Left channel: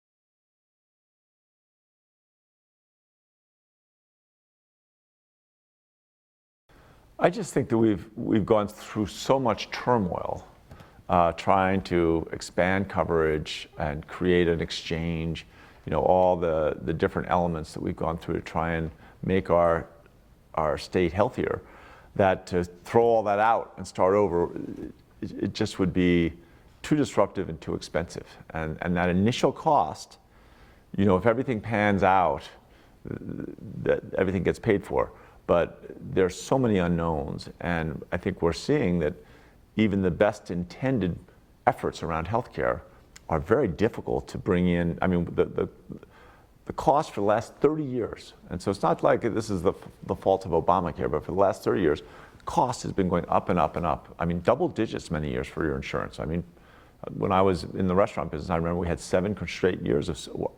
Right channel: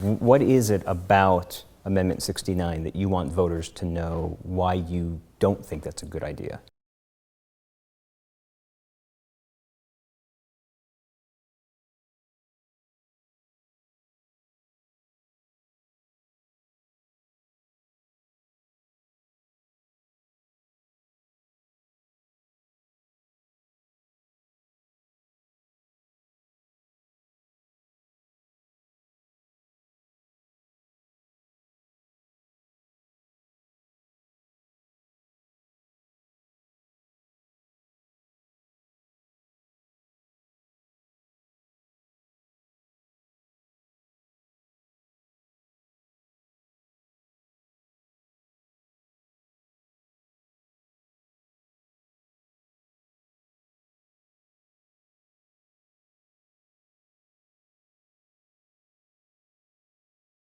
What is it about Amendment 69 that you want voters to know why you don't think that's a good idea? I just think that we've gone through so much turmoil trying to expand coverage and create an exchange, all the different elements that we've gone through to try and make our state healthier, that to throw all that out and start over, it just would be too disruptive and too expensive. And that initial cost, if everything pans out, that everything gets paid for. But there's so many unknowns, and I think we're seeing that even the best intended efforts around healthcare are very difficult to bring in. I mean, the cost for the last 30 years, and so it's not like this is the fault of Obamacare, but for the last 30 years, cost has been going up and up and up. I mean, double digits many years for your insurance. I mean, when I was in the restaurant business, I remember we had 7 straight years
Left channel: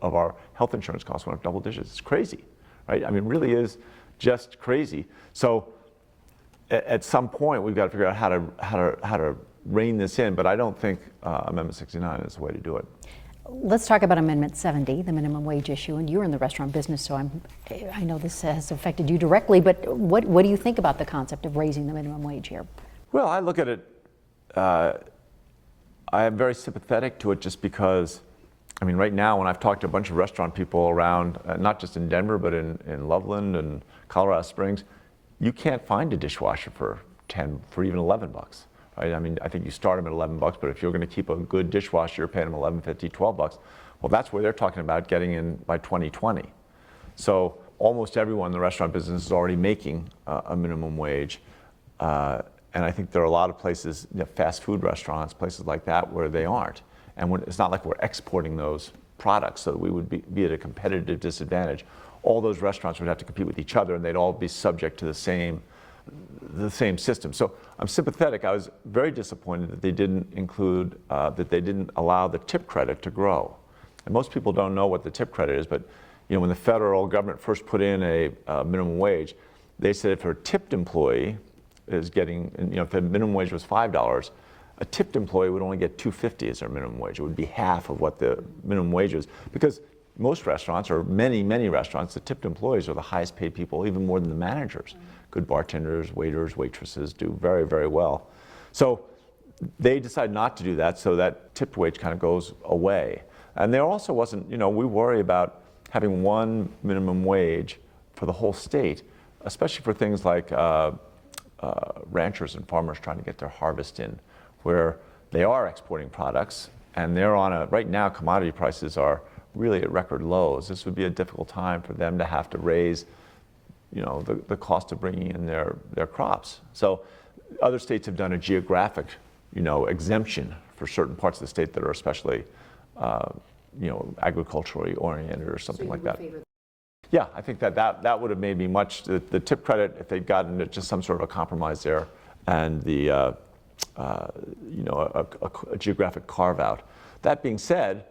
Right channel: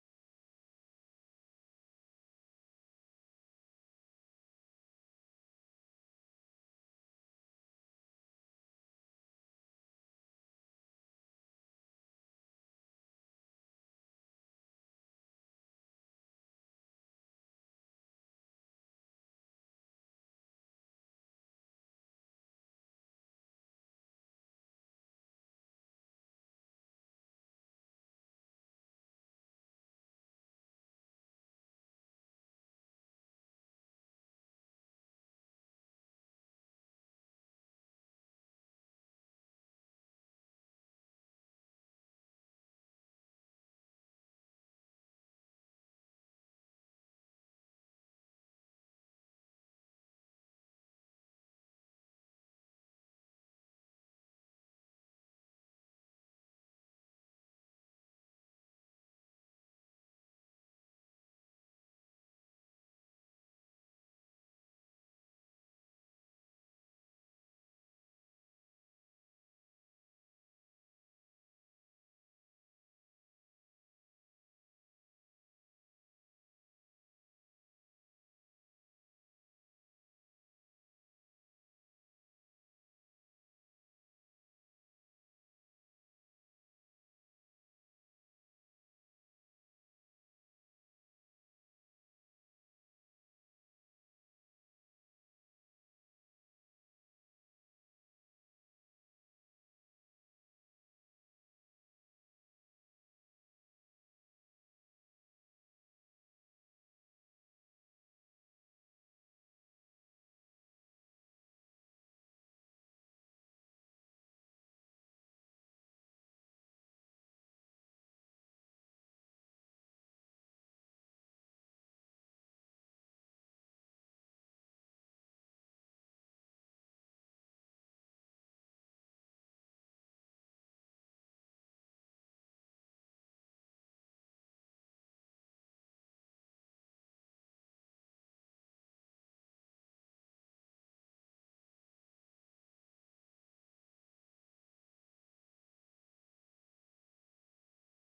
of our health insurance costs went up double digits. It's crazy, right? I mean, it really is just crazy. So at some point, we've got to figure out how to rein this in, but I don't think Amendment 69 is the way to do it. Let's talk about Amendment 70, the minimum wage issue, and you're in the restaurant business, so I know this has affected you directly, but what do you think about the concept of raising the minimum wage here? Well, I look at it, I am very sympathetic to it just because, I mean, right now when I've talked to a bunch of restaurant people around, not just in Denver, but in Loveland and Colorado Springs, you can't find a dishwasher for 10, for even 11 bucks. Right? I mean, I think you start them at 11 bucks, but if you're going to keep a good dishwasher, you're paying them 11.50, 12 bucks. Well, that's where they're talking about getting in by 2020. So almost everyone in the restaurant business is already making a minimum wage. And I think there are a lot of places, fast food restaurants, places like that, where they aren't. And it's not like we're exporting those products, so we would be at a competitive disadvantage. All those restaurants would have to compete with each other, and they'd all be subject to the same system. So I'm sympathetic. I was very disappointed that they didn't include, that they didn't allow the tip credit to grow. And most people don't know what the tip credit is, but when the federal government first put in a minimum wage, they said if a tipped employee is getting, if the minimum wage was $5, a tipped employee would only get $2.50 as their minimum wage. It would be half of what the minimum wage is, because most restaurants, or many restaurants, the tipped employees are the highest paid people, even more than the managers. Good bartenders, waiters, waitresses do very, very well. So they decided not to do that, so that tipped wage kind of goes away. And there also wasn't, we worry about having one minimum wage for the whole state, especially for things like ranchers and farmers trying to get their harvest in, where they are exporting products, and they're on right now commodity prices are really at record lows. This would be a difficult time for them to have to raise the cost of bringing in their crops. So other states have done a geographic, exemption for certain parts of the state that are especially, agriculturally oriented or something like that. Yeah, I think that would have made me much, the tip credit, if they'd gotten just some sort of a compromise there, and the, a geographic carve out. That being said,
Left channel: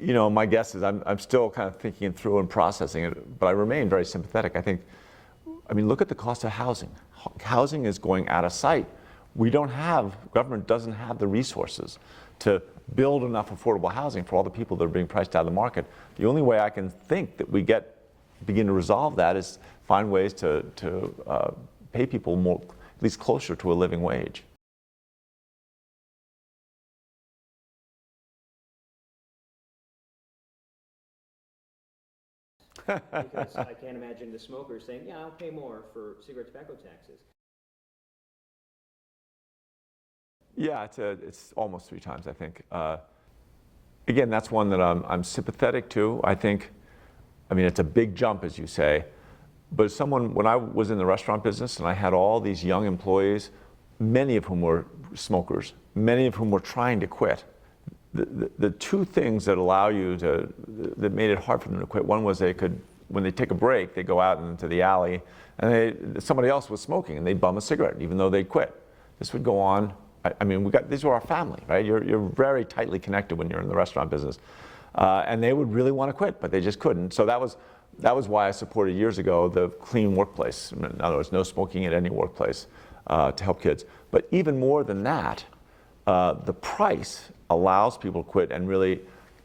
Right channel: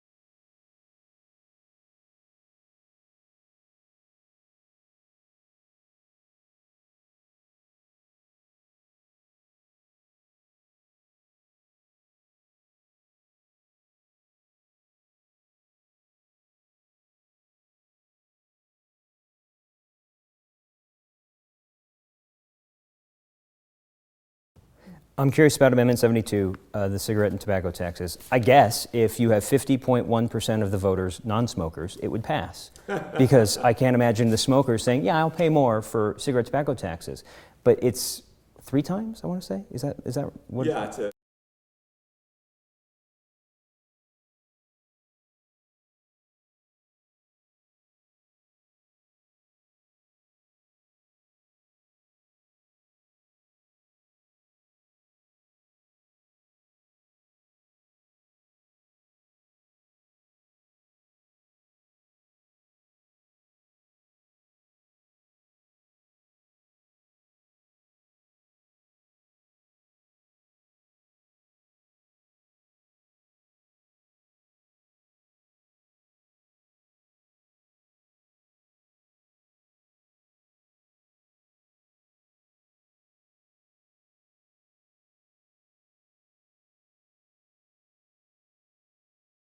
my guess is I'm still kind of thinking it through and processing it, but I remain very sympathetic. I mean, look at the cost of housing. Housing is going out of sight. Government doesn't have the resources to build enough affordable housing for all the people that are being priced out of the market. The only way I can think that we begin to resolve that is find ways to pay people more, at least closer to a living wage. I'm curious about Amendment 72, the cigarette and tobacco taxes. I guess if you have 50.1% of the voters non-smokers, it would pass. Because I can't imagine the smokers saying, yeah, I'll pay more for cigarette tobacco taxes. But it's 3 times, I want to say? Is that what? Yeah, it's almost 3 times, I think. Again, that's one that I'm sympathetic to. I mean, it's a big jump, as you say. But when I was in the restaurant business and I had all these young employees, many of whom were smokers, many of whom were trying to quit. The 2 things that that made it hard for them to quit, one was when they take a break, they go out into the alley and somebody else was smoking and they'd bum a cigarette even though they'd quit. This would go on. I mean, these were our family, right? You're very tightly connected when you're in the restaurant business. And they would really want to quit, but they just couldn't. So that was why I supported years ago the clean workplace. In other words, no smoking at any workplace. To help kids. But even more than that, the price allows people to quit and really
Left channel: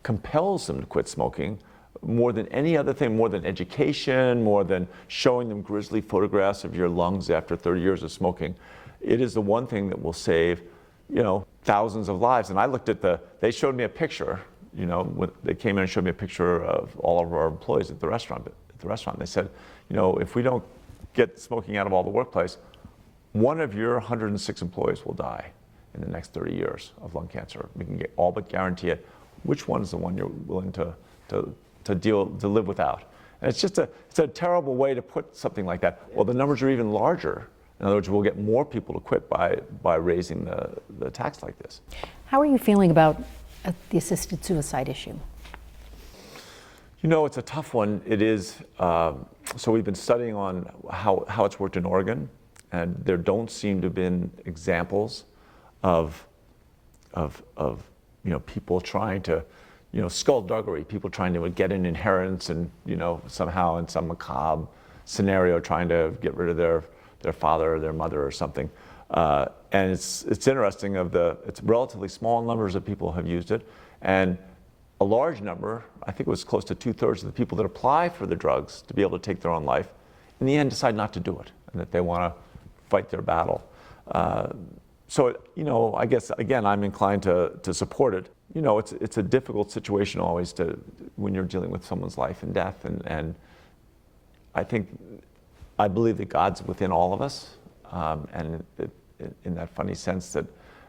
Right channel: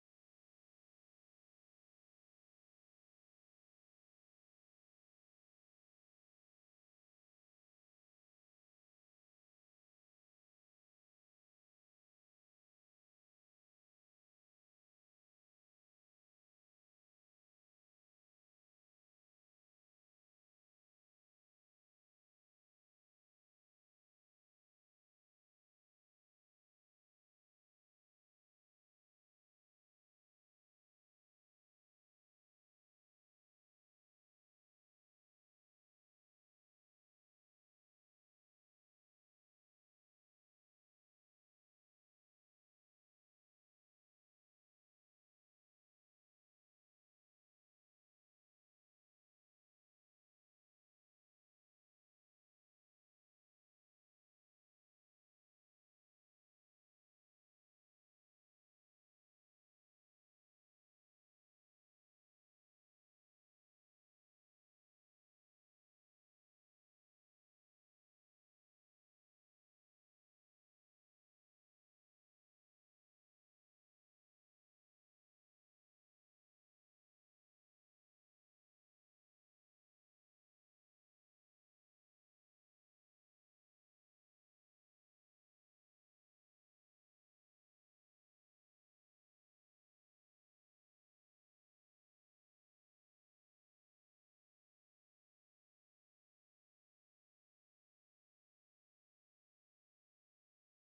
compels them to quit smoking more than any other thing, more than education, more than showing them grisly photographs of your lungs after 30 years of smoking. It is the one thing that will save, thousands of lives. And I looked at they showed me a picture, when they came in and showed me a picture of all of our employees at the restaurant. They said, if we don't get smoking out of all the workplace, one of your 106 employees will die in the next 30 years of lung cancer. We can all but guarantee it. Which one is the one you're willing to live without? And it's a terrible way to put something like that. Well, the numbers are even larger. In other words, we'll get more people to quit by raising the tax like this. How are you feeling about the assisted suicide issue? It's a tough one. It is. So we've been studying on how it's worked in Oregon, and there don't seem to have been examples of people trying to, skullduggery, people trying to get an inheritance and, somehow in some macabre scenario trying to get rid of their father or their mother or something. And it's interesting it's relatively small numbers of people have used it, and a large number, I think it was close to 2/3 of the people that apply for the drugs to be able to take their own life, in the end decide not to do it, and that they want to fight their battle. So, I guess, again, I'm inclined to support it. It's a difficult situation always when you're dealing with someone's life and death, and I believe that God's within all of us, and in that funny sense that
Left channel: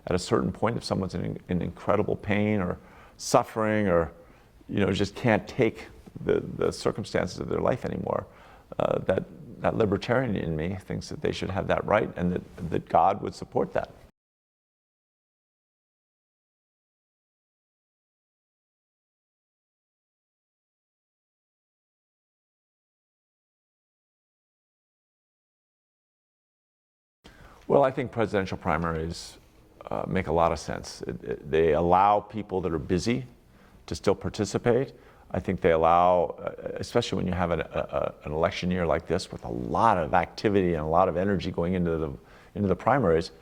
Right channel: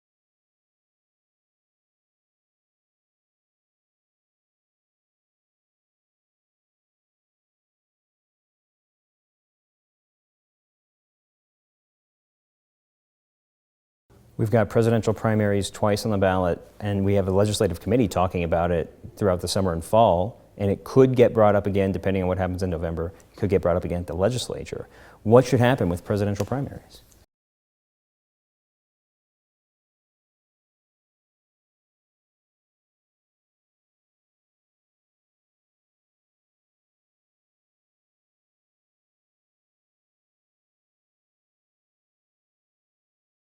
at a certain point, if someone's in incredible pain or suffering or, just can't take the circumstances of their life anymore, that libertarian in me thinks that they should have that right, and that God would support that. We've got presidential primaries twice on the ballot, and we have a legislative committee talking about it throughout the summer and fall, and it could get brought up again depending on what happens in November. It could get brought up again at the legislature. What should happen with presidential primaries? Well, I think presidential primaries make a lot of sense. They allow people that are busy to still participate. I think they allow, especially when you have an election year like this with a lot of activity and a lot of energy going into the primaries.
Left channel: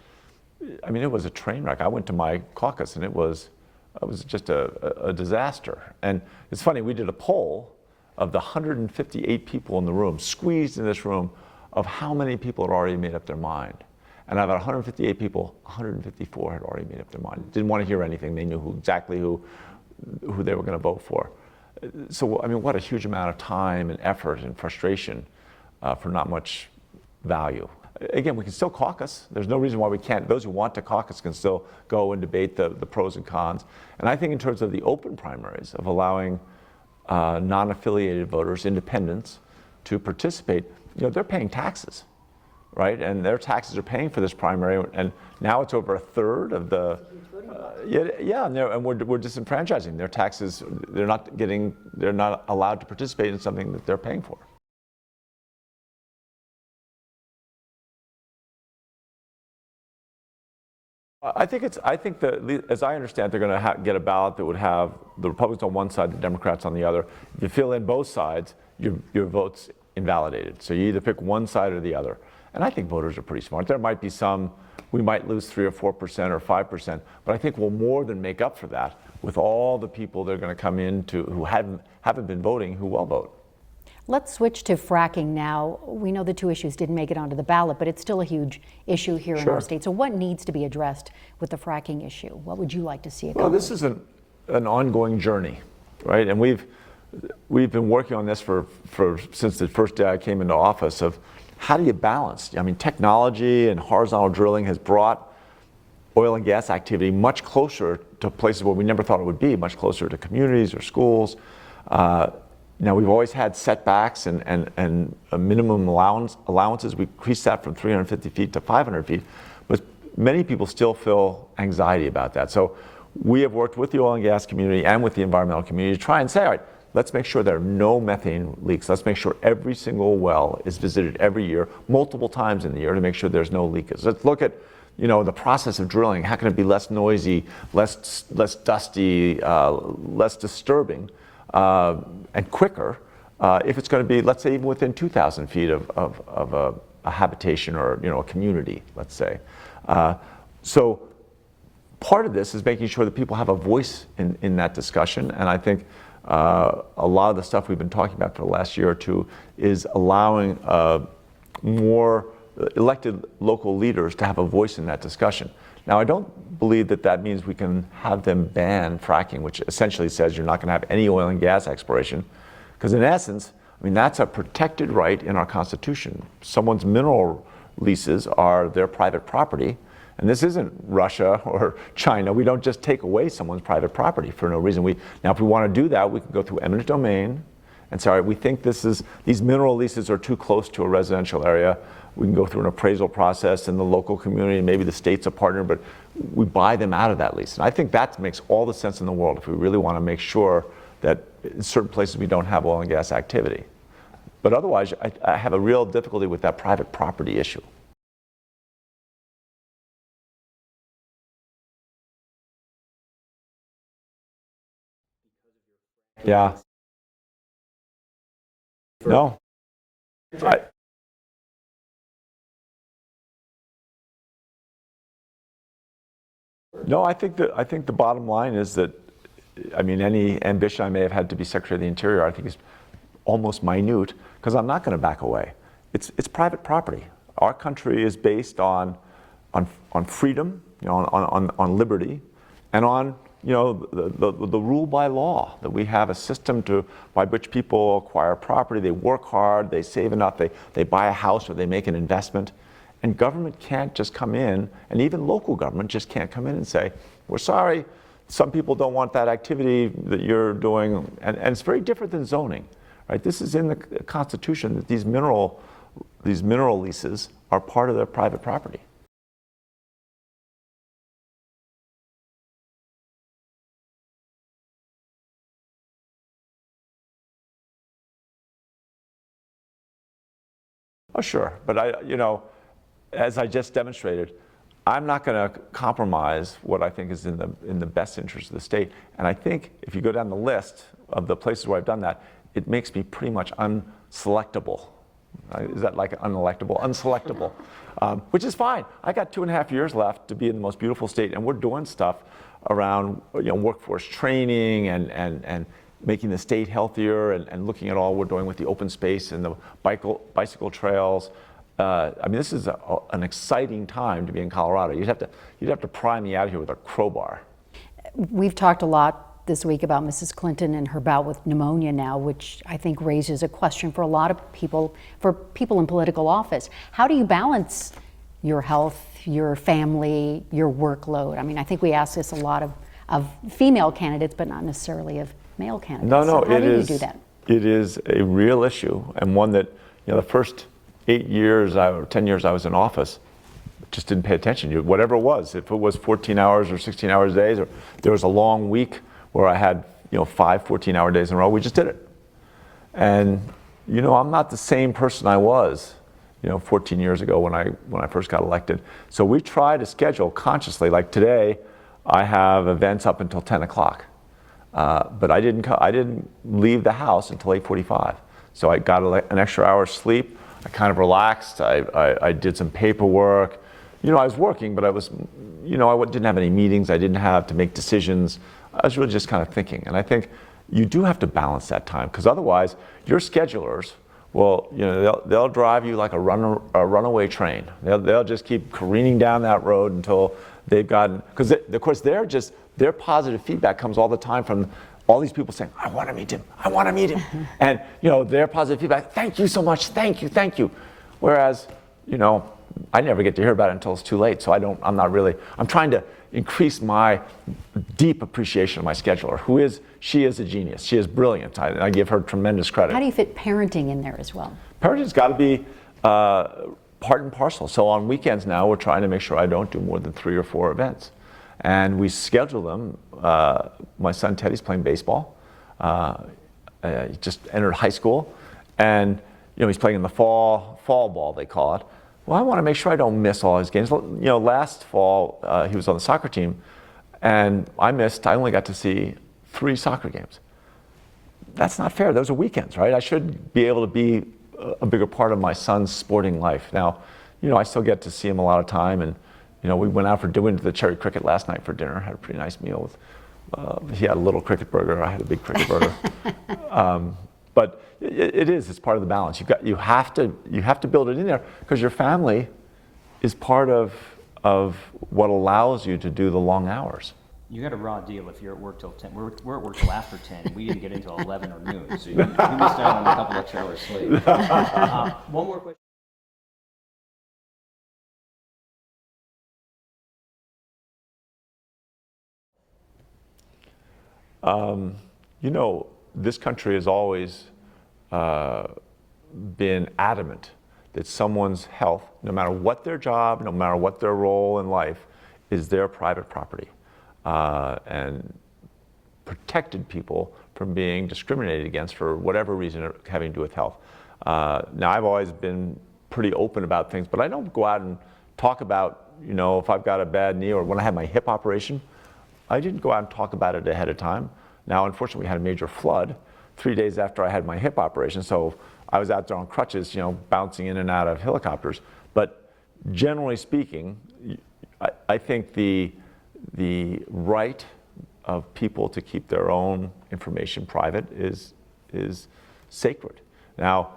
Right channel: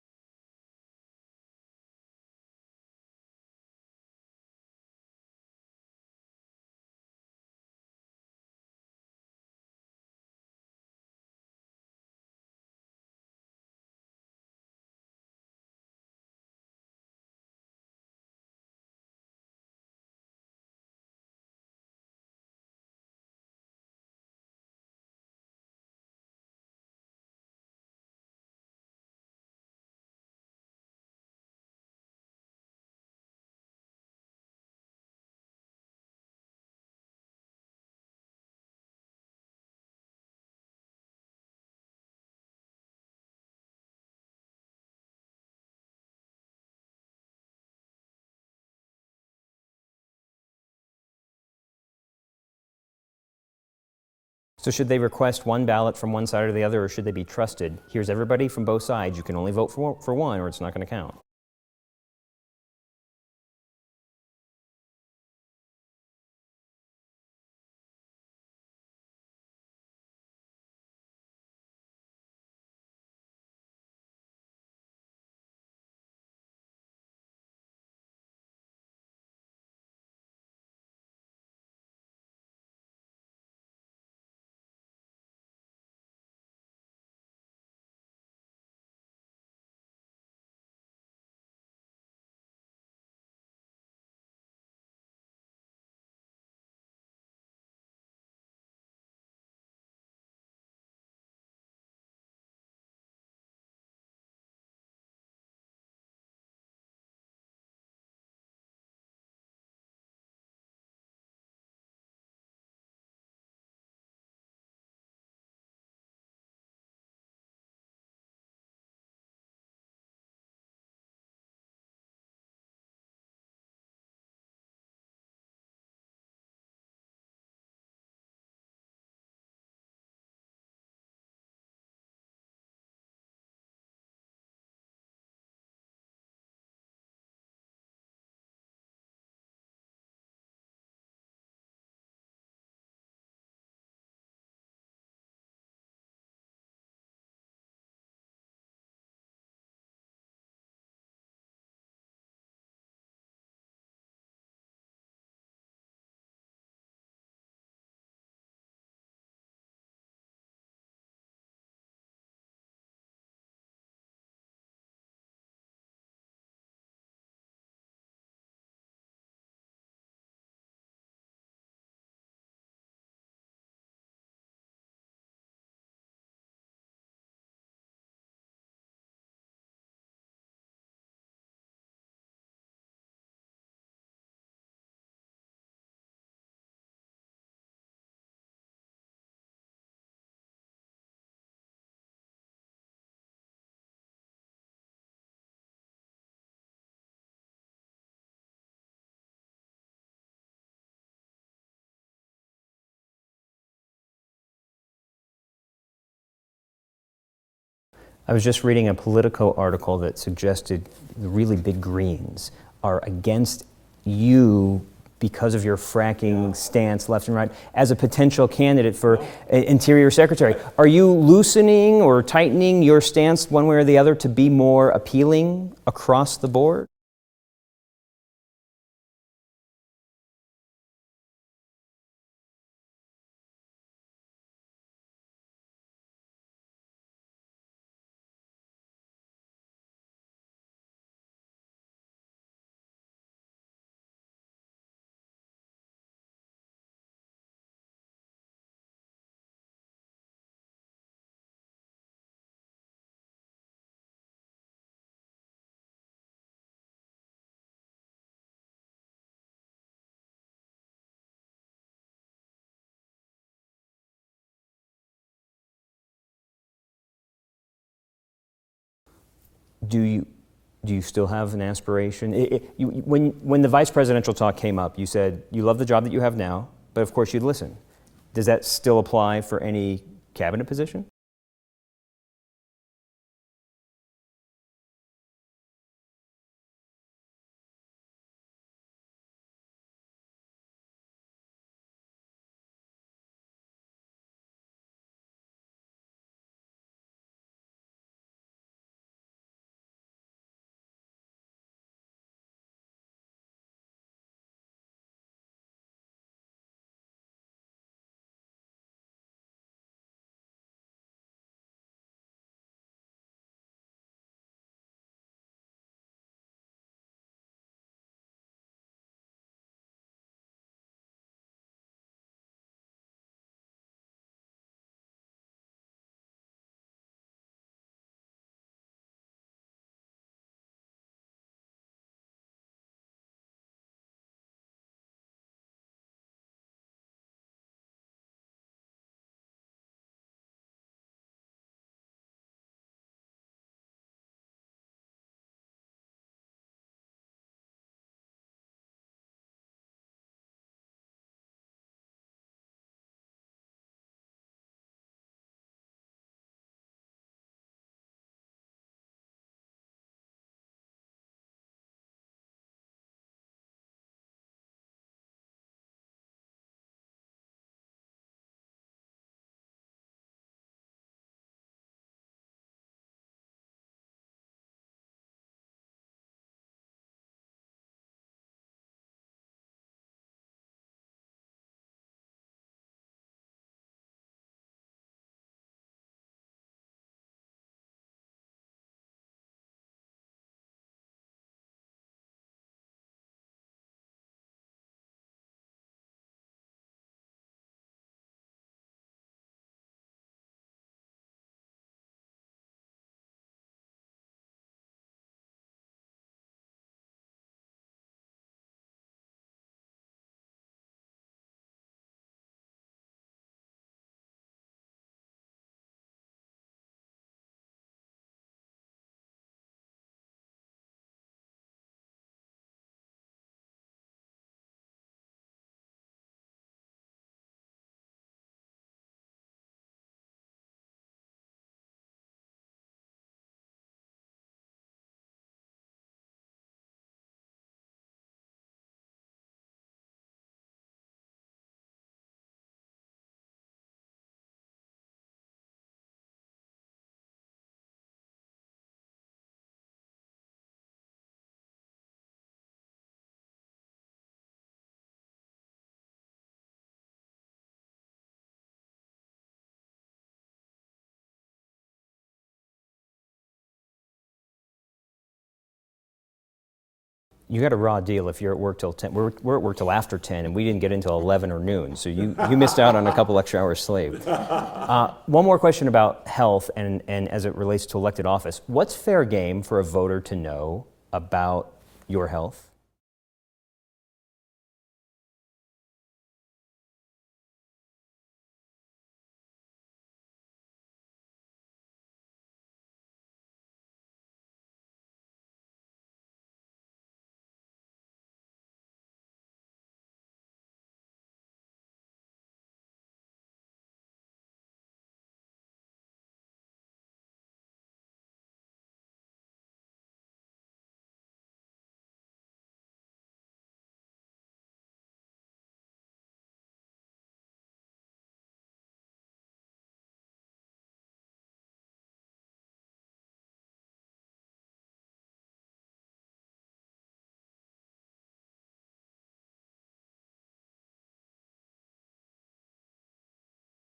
I mean, it was a train wreck. I went to my caucus and it was just a disaster. And it's funny, we did a poll of the 158 people in the room, squeezed in this room, of how many people had already made up their mind. And out of 158 people, 154 had already made up their mind. Didn't want to hear anything. They knew exactly who they were going to vote for. So, I mean, what a huge amount of time and effort and frustration for not much value. Again, we can still caucus. There's no reason why we can't. Those who want to caucus can still go and debate the pros and cons. And I think in terms of the open primaries, of allowing non-affiliated voters, independents, to participate, they're paying taxes, right? And their taxes are paying for this primary, and now it's over a third of the, and we're disenfranchising their taxes. They're not allowed to participate in something that they're paying for. So should they request one ballot from one side or the other, or should they be trusted? Here's everybody from both sides. You can only vote for one, or it's not going to count. I think that, as I understand, they're going to get a ballot that would have the Republicans on one side, the Democrats on the other. If you fill in both sides, your vote's invalidated. So you either pick one side or the other. And I think voters are pretty smart. There might be some, we might lose 3 or 4% or 5%, but I think we'll more than make up for that with all the people that are going to come in who haven't been voting, who will vote. Let's switch to fracking now. We know the two issues didn't make it onto the ballot, but it's still a huge issue here in our state. So what needs to be addressed with the fracking issue? What would you like to see accomplished? Well, this is an ongoing journey, right? And we've been working on this since the first day I came into office, of how do you balance? I mean, technology and horizontal drilling has brought oil and gas activity much closer to places where we never thought it would be, much closer to communities or schools. Now, we've always had setbacks and minimum allowances. We increased that from 350 feet to 500 feet, but many people still feel anxiety about that. So we have worked with the oil and gas community and with the environmental community to try and say, all right, let's make sure there are no methane leaks. Let's make sure every single well is visited every year, multiple times in the year, to make sure there's no leakage. Let's look at, the process of drilling. How can it be less noisy, less dusty, less disturbing, and quicker if it's going to be, let's say, even within 2,000 feet of a habitation or a community, let's say. So part of this is making sure that people have a voice in that discussion. And I think a lot of the stuff we've been talking about for the last year or two is allowing more elected local leaders to have a voice in that discussion. Now, I don't believe that that means we can have them ban fracking, which essentially says you're not going to have any oil and gas exploration. Because in essence, I mean, that's a protected right in our Constitution. Someone's mineral leases are their private property. And this isn't Russia or China. We don't just take away someone's private property for no reason. Now, if we want to do that, we can go through eminent domain and say, all right, we think these mineral leases are too close to a residential area. We can go through an appraisal process in the local community, and maybe the state's a partner, but we buy them out of that lease. And I think that makes all the sense in the world if we really want to make sure that in certain places we don't have oil and gas activity. But otherwise, I have a real difficulty with that private property issue. I was just reading a Politico article that suggested the really big Greens are against you because of your fracking stance left and right as a potential candidate for Interior Secretary. Are you loosening or tightening your stance one way or the other to be more appealing across the board? No, I think the bottom line is that, I mean, any ambition I may have had to be Secretary of the Interior, I think is almost minute, because I'm not going to back away. It's private property. Our country is based on freedom, on liberty, and on the rule by law, that we have a system by which people acquire property, they work hard, they save enough, they buy a house or they make an investment. And government can't just come in, and even local government just can't come in and say, we're sorry, some people don't want that activity that you're doing. And it's very different than zoning, right? This is in the Constitution that these mineral leases are part of their private property. Do you still have an aspiration? When the vice presidential talk came up, you said you love the job that you have now, but of course you'd listen. Does that still apply for any cabinet position? Oh, sure. But as I just demonstrated, I'm not going to compromise what I think is in the best interest of the state. And I think if you go down the list of the places where I've done that, it makes me pretty much unselectable. Is that like unelectable? Unselectable, which is fine. I got 2.5 years left to be in the most beautiful state, and we're doing stuff around workforce training and making the state healthier, and looking at all we're doing with the open space and the bicycle trails. I mean, this is an exciting time to be in Colorado. You'd have to pry me out here with a crowbar. We've talked a lot this week about Mrs. Clinton and her bout with pneumonia now, which I think raises a question for a lot of people, for people in political office. How do you balance your health, your family, your workload? I mean, I think we ask this a lot of female candidates, but not necessarily of male candidates. No, so how do you do that? It is a real issue, and one that, the first 8 years or 10 years I was in office, just didn't pay attention to whatever it was. If it was 14 hours or 16 hours days, or there was a long week where I had 5 14-hour days in a row, we just did it. And I'm not the same person I was 14 years ago when I first got elected. So we try to schedule consciously. Like today, I have events up until 10 o'clock, but I didn't leave the house until 8:45. So I got an extra hour's sleep. I kind of relaxed. I did some paperwork. I was working, but I didn't have any meetings. I didn't have to make decisions. I was really just kind of thinking. And I think you do have to balance that time, because otherwise your schedulers will, they'll drive you like a runaway train. They'll just keep careening down that road until they've gotten, because of course their positive feedback comes all the time from all these people saying, I want to meet him, I want to meet him. And their positive feedback, thank you so much, thank you. Whereas, I never get to hear about it until it's too late. So I'm trying to increase my deep appreciation of my scheduler, she is a genius. She is brilliant. I give her tremendous credit. How do you fit parenting in there as well? Parenting's got to be part and parcel. So on weekends now, we're trying to make sure I don't do more than 3 or 4 events. And we schedule them. My son Teddy's playing baseball. He just entered high school. And he's playing in the fall ball, they call it. Well, I want to make sure I don't miss all his games. Last fall, he was on the soccer team, and I only got to see 3 soccer games. That's not fair. Those are weekends, right? I should be able to be a bigger part of my son's sporting life. Now, I still get to see him a lot of time, and we went out for dinner to the Cherry Cricket last night for dinner, had a pretty nice meal with, he had a little cricket burger, I had a big cricket burger. But it's part of the balance. You have to build it in there because your family is part of what allows you to do the long hours. You got a raw deal if you're at work till 10. We're at work till after 10, and we didn't get until 11 or noon, so you missed out on a couple extra hours sleep. One more question about health and as it relates to elected office. What's fair game for a voter to know about your health? This country has always been adamant that someone's health, no matter what their job, no matter what their role in life, is their private property. And protected people from being discriminated against for whatever reason having to do with health. Now, I've always been pretty open about things, but I don't go out and talk about, if I've got a bad knee or when I had my hip operation, I didn't go out and talk about it ahead of time. Now, unfortunately, we had a major flood 3 days after I had my hip operation, so I was out there on crutches, bouncing in and out of helicopters. But generally speaking, I think the right of people to keep their own information private is sacred. Now,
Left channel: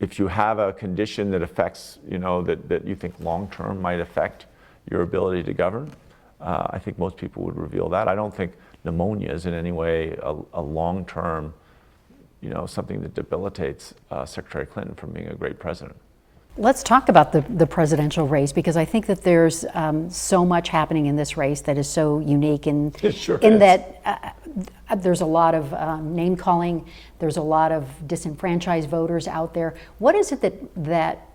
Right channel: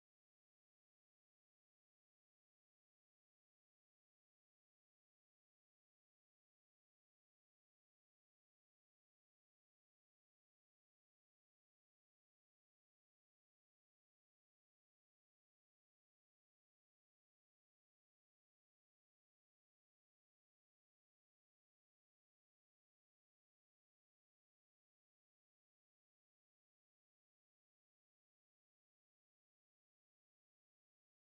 if you have a condition that affects, that you think long-term might affect your ability to govern, I think most people would reveal that. I don't think pneumonia is in any way a long-term, something that debilitates Secretary Clinton from being a great president. Let's talk about the presidential race, because I think that there's so much happening in this race that is so unique in that there's a lot of name calling, there's a lot of disenfranchised voters out there. What is it that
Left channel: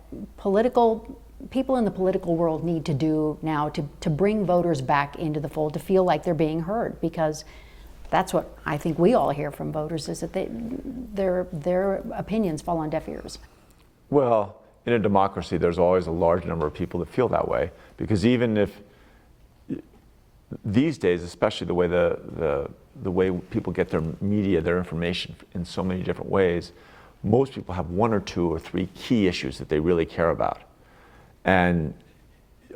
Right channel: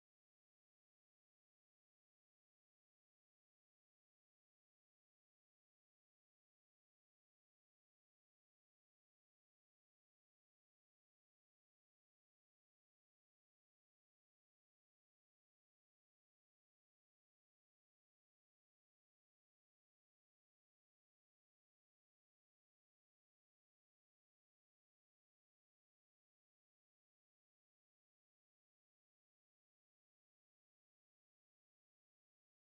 people in the political world need to do now to bring voters back into the fold, to feel like they're being heard? Because that's what I think we all hear from voters, is that their opinions fall on deaf ears. Well, in a democracy, there's always a large number of people that feel that way, because even if these days, especially the way people get their media, their information in so many different ways, most people have 1 or 2 or 3 key issues that they really care about. And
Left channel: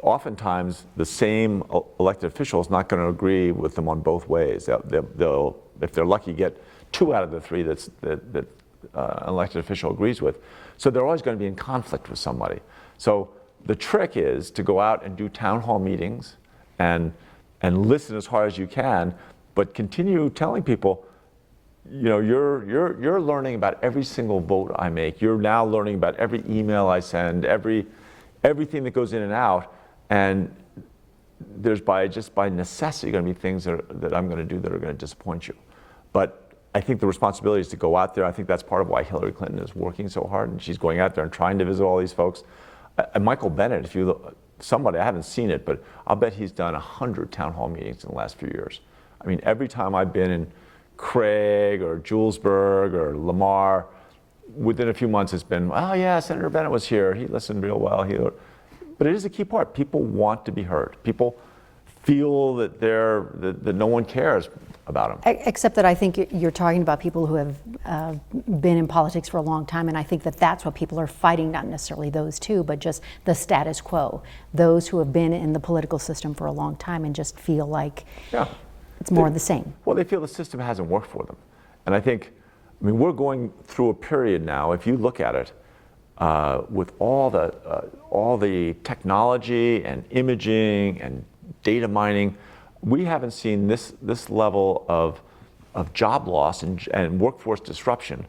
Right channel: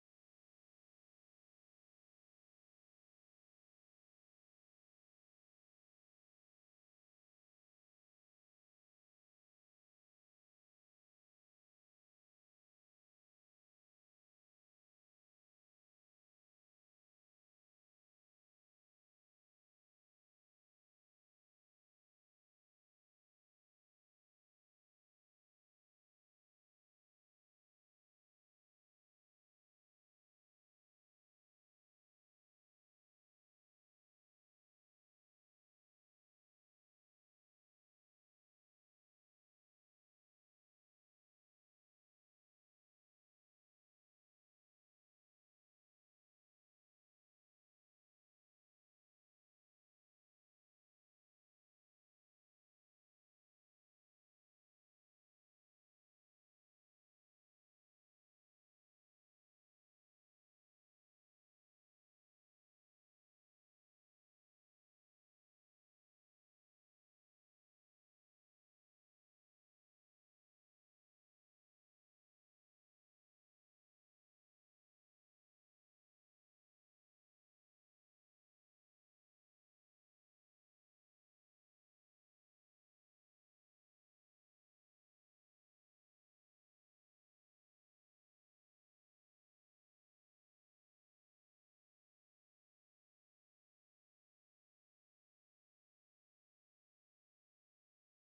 oftentimes, the same elected official is not going to agree with them on both ways. They'll, if they're lucky, get 2 out of the 3 that an elected official agrees with. So they're always going to be in conflict with somebody. So the trick is to go out and do town hall meetings and listen as hard as you can, but continue telling people, you're learning about every single vote I make. You're now learning about every email I send, everything that goes in and out. And there's just by necessity going to be things that I'm going to do that are going to disappoint you. But I think the responsibility is to go out there. I think that's part of why Hillary Clinton is working so hard, and she's going out there and trying to visit all these folks. And Michael Bennet, if you look, somebody, I haven't seen it, but I'll bet he's done 100 town hall meetings in the last few years. I mean, every time I've been in Craig or Julesburg or Lamar, within a few months it's been, oh yeah, Senator Bennet was here. He listened real well. But it is a key part. People want to be heard. People feel that that no one cares about them. Except that I think you're talking about people who have been in politics for a long time, and I think that that's what people are fighting, not necessarily those two, but just the status quo. Those who have been in the political system for a long time and just feel like it's more of the same. Well, they feel the system hasn't worked for them. And I mean, we're going through a period now, if you look at it, with all the technology and imaging and data mining, we haven't seen this level of job loss and workforce disruption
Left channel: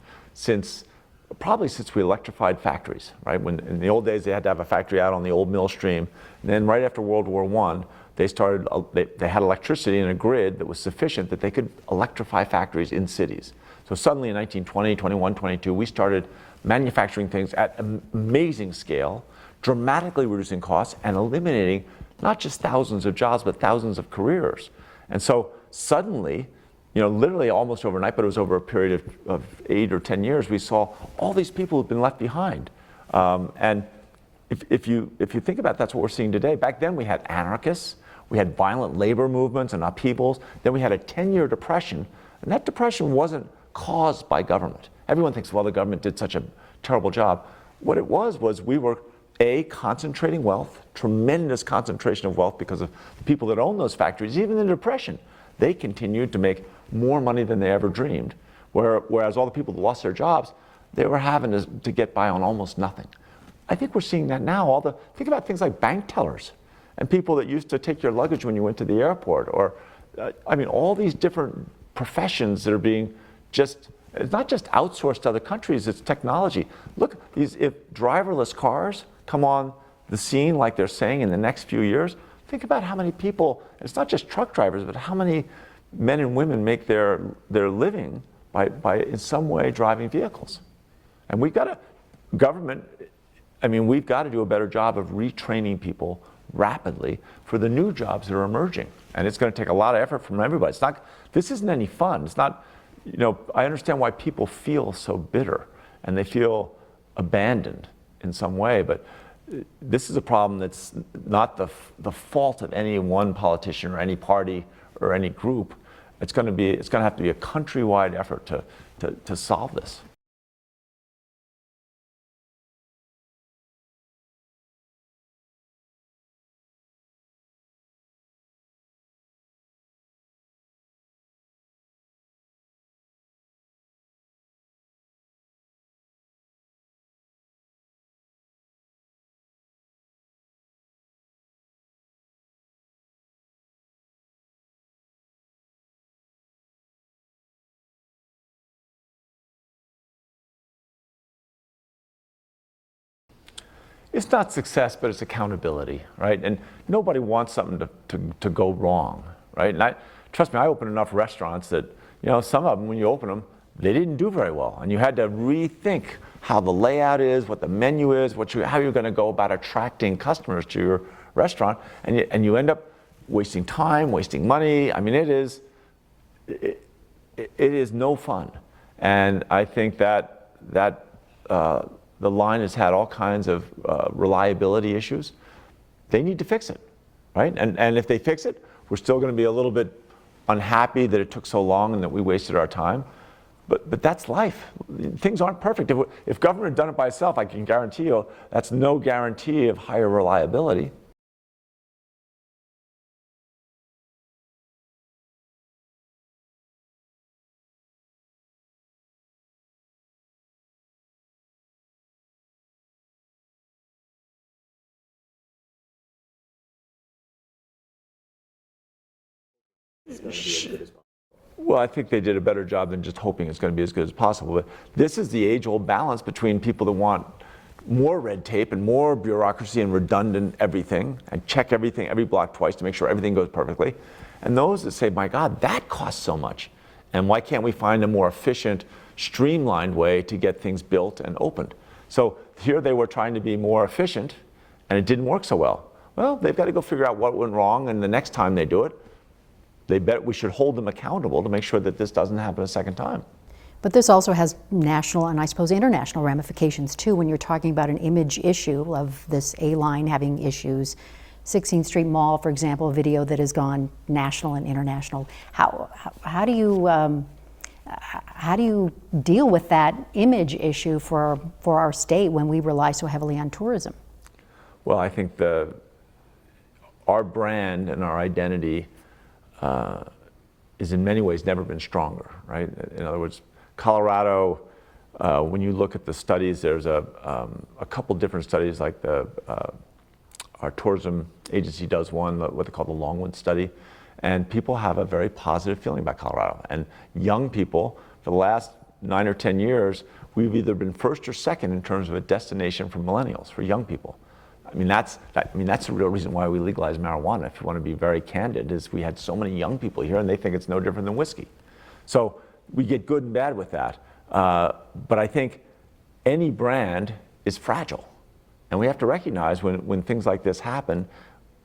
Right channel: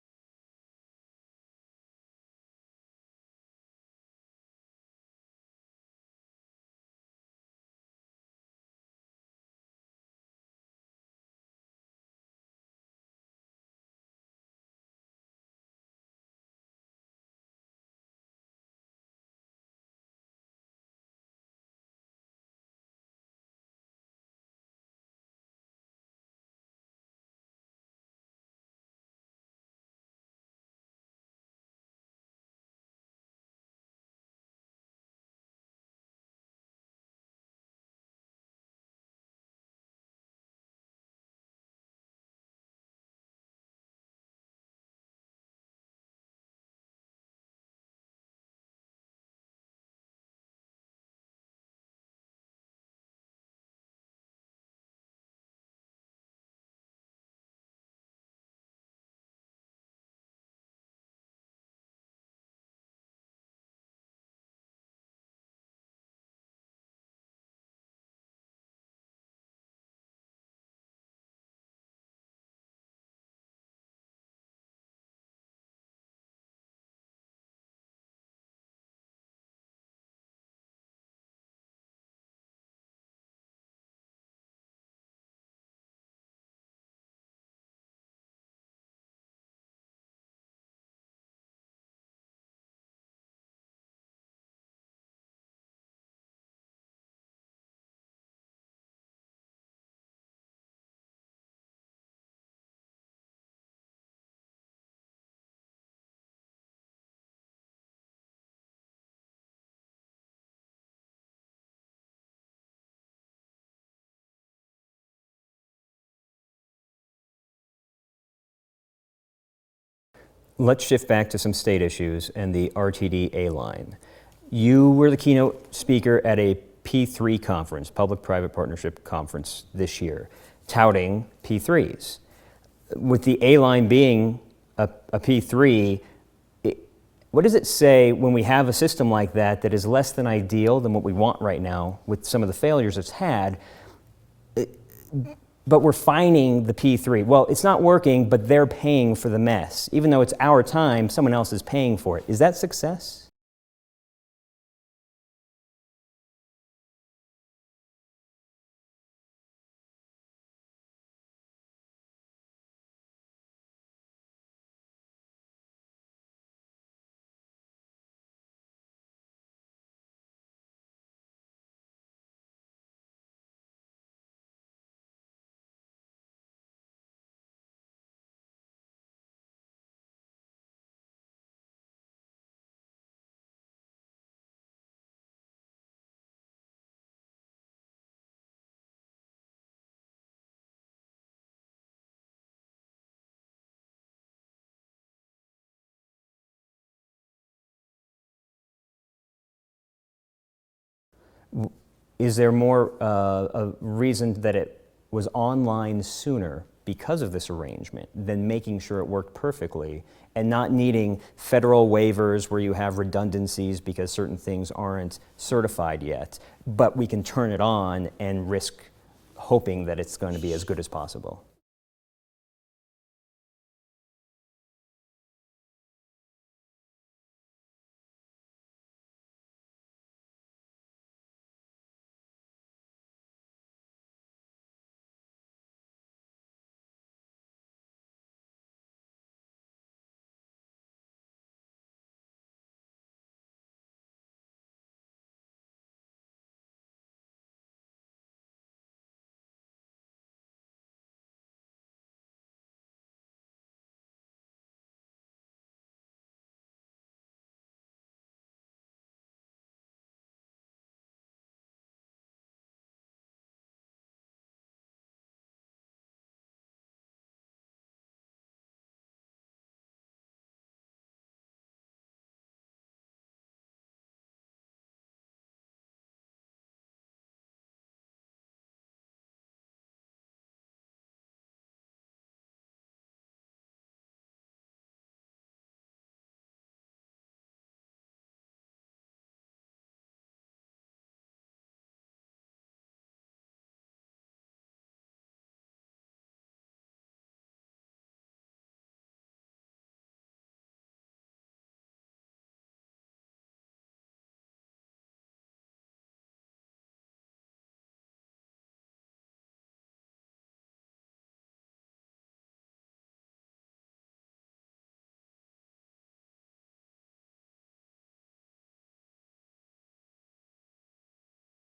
probably since we electrified factories, right? When in the old days they had to have a factory out on the old mill stream, and then right after World War I, they had electricity in a grid that was sufficient that they could electrify factories in cities. So suddenly in 1920, 21, 22, we started manufacturing things at amazing scale, dramatically reducing costs and eliminating not just thousands of jobs, but thousands of careers. And so suddenly, literally almost overnight, but it was over a period of 8 or 10 years, we saw all these people who've been left behind. And if you think about it, that's what we're seeing today. Back then we had anarchists, we had violent labor movements and upheavals, then we had a 10-year depression, and that depression wasn't caused by government. Everyone thinks, well, the government did such a terrible job. What it was we were concentrating wealth, tremendous concentration of wealth because of the people that own those factories. Even in the Depression, they continued to make more money than they ever dreamed. Whereas all the people that lost their jobs, they were having to get by on almost nothing. I think we're seeing that now. Think about things like bank tellers and people that used to take your luggage when you went to the airport, or all these different professions that are being it's not just outsourced to other countries, it's technology. Look, if driverless cars come on the scene like they're saying in the next few years, think about how many people, it's not just truck drivers, but how many men and women make their living by in some way driving vehicles. And we've got to do a better job of retraining people rapidly for the new jobs that are emerging. And it's going to take a lot of effort from everybody. This isn't any fun. It's not, I understand why people feel so bitter and they feel abandoned in some way, but this is a problem that's not the fault of any one politician or any party or any group. It's going to have to be a countrywide effort to solve this. Let's shift back to some state issues and the RTD A-Line. You were the keynote speaker at a P3 conference, Public-Private Partnership Conference this year, touting P3s. With the A-Line being a P3, what does it say when we have a system like that is less than ideal than what we want right now with some of the failures it's had, but we're fining the P3? Well, it's not working, but they're paying for the mess. Even though it's our time, someone else is paying for it. Is that success? It's not success, but it's accountability, right? And nobody wants something to go wrong, right? And trust me, I opened enough restaurants that, some of them, when you open them, they didn't do very well. And you had to rethink how the layout is, what the menu is, how you're going to go about attracting customers to your restaurant. And you end up wasting time, wasting money. It is no fun. And I think that the line has had all kinds of reliability issues. They need to fix it, right? And if they fix it, we're still going to be a little bit unhappy that it took so long and that we wasted our time. But that's life. Things aren't perfect. If government had done it by itself, I can guarantee you that's no guarantee of higher reliability. Is there more a reason that it was online sooner because of this arrangement than making sure it worked perfectly and not needing federal waivers where you have redundancies because certain things aren't certified yet, but we can turn it on and risk hoping that it's going to be as good as possible? Well, I think they did a better job than just hoping it's going to be as good as possible. But this is the age-old balance between people that want more red tape and more bureaucracy and redundant everything and check everything every block twice to make sure everything goes perfectly. And those that say, my God, that costs so much. And why can't we find a more efficient, streamlined way to get things built and opened? So here they were trying to be more efficient and it didn't work so well. Well, they've got to go figure out what went wrong, and the next time they do it, they bet we should hold them accountable to make sure that this doesn't happen a second time. But this also has national and I suppose international ramifications too when you're talking about an image issue of this A-Line having issues. 16th Street Mall, for example, a video that has gone national and international. How do you deal with that image issue for our state when we rely so heavily on tourism? Well, I think our brand and our identity is in many ways never been stronger, right? In other words, Colorado, when you look at the studies, there's a couple different studies, like our tourism agency does one, what they call the Longwood study, and people have a very positive feeling about Colorado. And young people, for the last 9 or 10 years, we've either been first or second in terms of a destination for millennials, for young people. That's the real reason why we legalized marijuana, if you want to be very candid, is we had so many young people here and they think it's no different than whiskey. So we get good and bad with that. But I think any brand is fragile. And we have to recognize when things like this happen,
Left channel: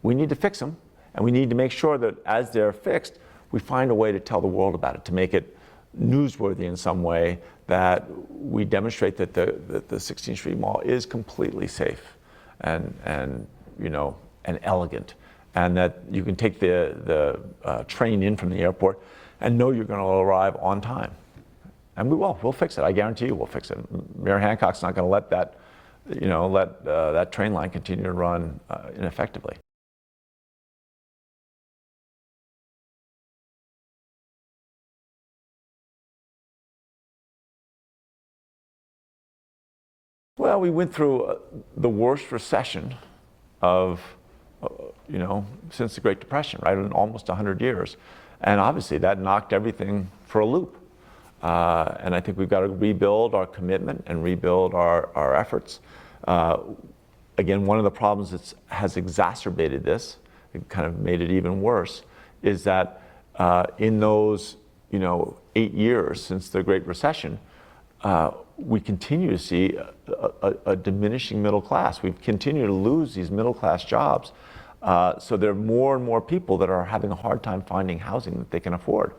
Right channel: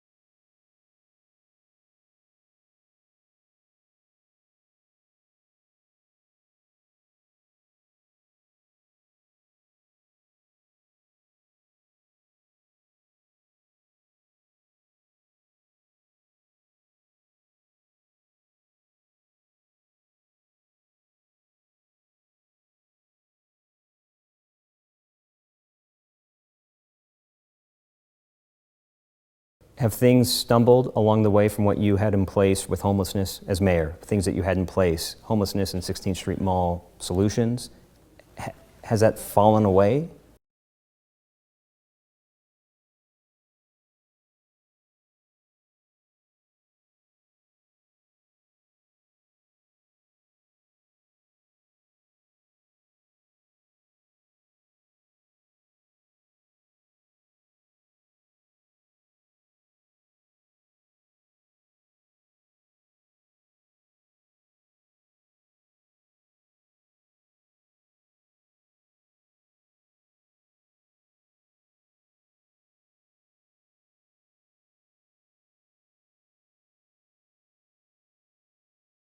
we need to fix them. And we need to make sure that as they're fixed, we find a way to tell the world about it, to make it newsworthy in some way, that we demonstrate that the 16th Street Mall is completely safe and elegant, and that you can take the train in from the airport and know you're going to arrive on time. And we'll fix it. I guarantee you we'll fix it. Mayor Hancock's not going to let that let that train line continue to run ineffectively. Have things stumbled along the way from what you had in place with homelessness as mayor? Things that you had in place, homelessness and 16th Street Mall solutions, has that fallen away? Well, we went through the worst recession of, since the Great Depression, right? In almost 100 years. And obviously that knocked everything for a loop. And I think we've got to rebuild our commitment and rebuild our efforts. Again, one of the problems that has exacerbated this, it kind of made it even worse, is that in those 8 years since the Great Recession, we continue to see a diminishing middle class. We've continued to lose these middle class jobs. So there are more and more people that are having a hard time finding housing that they can afford.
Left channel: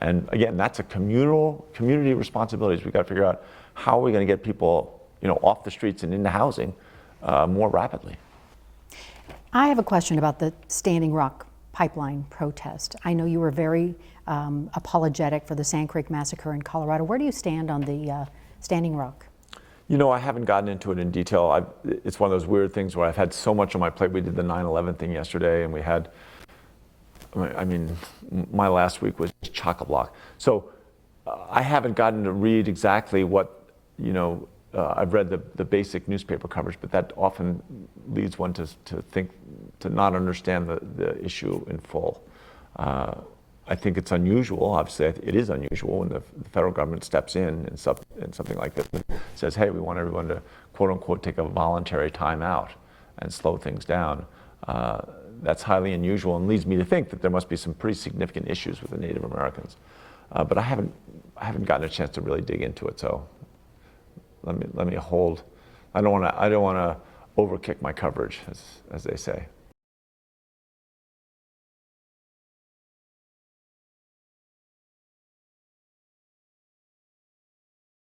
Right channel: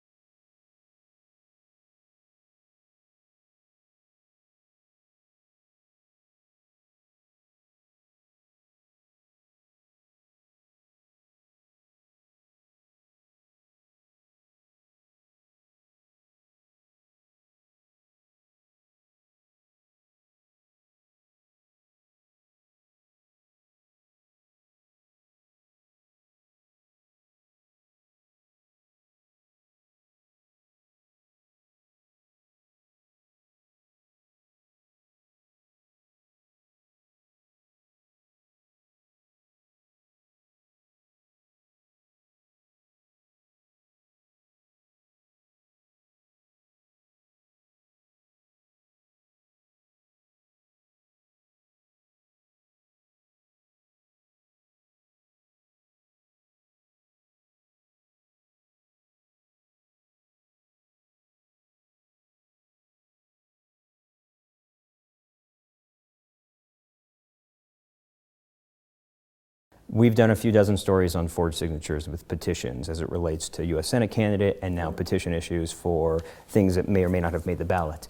And again, that's a community responsibilities. We've got to figure out how are we going to get people off the streets and into housing more rapidly. I have a question about the Standing Rock pipeline protest. I know you were very apologetic for the Sand Creek Massacre in Colorado. Where do you stand on the Standing Rock? I haven't gotten into it in detail. It's one of those weird things where I've had so much on my plate. We did the 9/11 thing yesterday, and we had, my last week was chock-a-block. So I haven't gotten to read exactly what, I've read the basic newspaper coverage, but that often leads one to think, to not understand the issue in full. I think it's unusual. Obviously, it is unusual when the federal government steps in something like this and says, hey, we want everyone to, quote unquote, take a voluntary time out and slow things down. That's highly unusual and leads me to think that there must be some pretty significant issues with the Native Americans. But I haven't gotten a chance to really dig into it, so let me hold. I don't want to overkick my coverage, as they say. We've done a few dozen stories on forged signatures with petitions as it relates to U.S. Senate candidate and now petition issues for things that may or may not have made the ballot.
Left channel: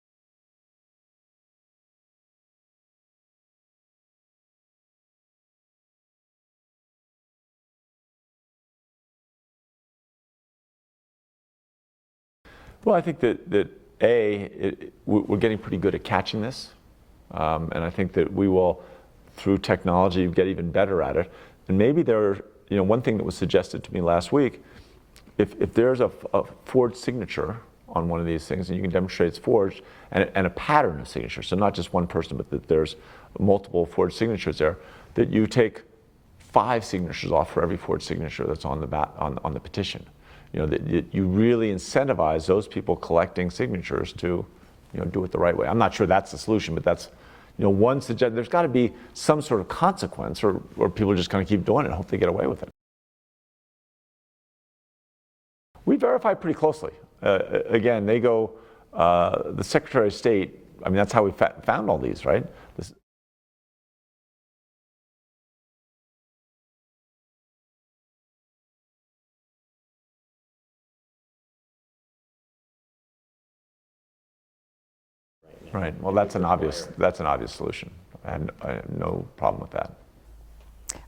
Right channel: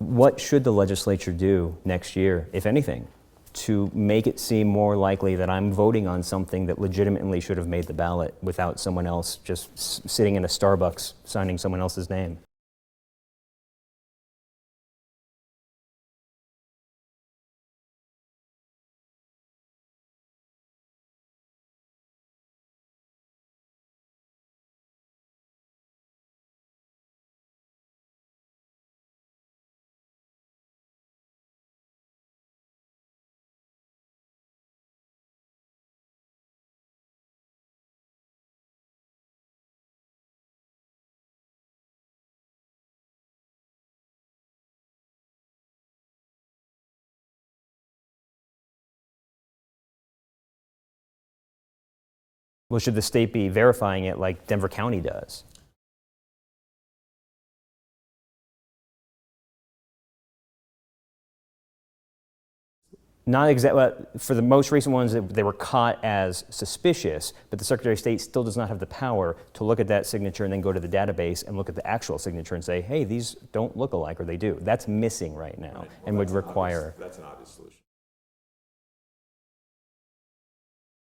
What should the legislature do next year, if anything, to make it seem more likely that I'm voting on something that legitimately should have made the ballot without someone else just sitting in a Starbucks signing someone else's name? Well, I think that we're getting pretty good at catching this, and I think that we will, through technology, get even better at it. And maybe one thing that was suggested to me last week, if there's a forged signature on one of these things, and you can demonstrate it's forged, and a pattern of signatures, so not just one person, but that there's multiple forged signatures there, that you take 5 signatures off for every forged signature that's on the petition. That you really incentivize those people collecting signatures to, do it the right way. I'm not sure that's the solution, but that's, one suggestion. There's got to be some sort of consequence, or people are just going to keep doing it and hope they get away with it. Well, should the state be verifying it like Denver County does? We verify pretty closely. Again, they go, the Secretary of State, that's how we found all these, right? Not exactly. For the most recent ones, they were caught as suspicious, but the Secretary of State still does not have the power to look at that signature and then go to the database and look at the actual signature and say, hey, these don't look alike, or they do. That's missing right now. Right. Well, that's an obvious solution. I have no problem with that.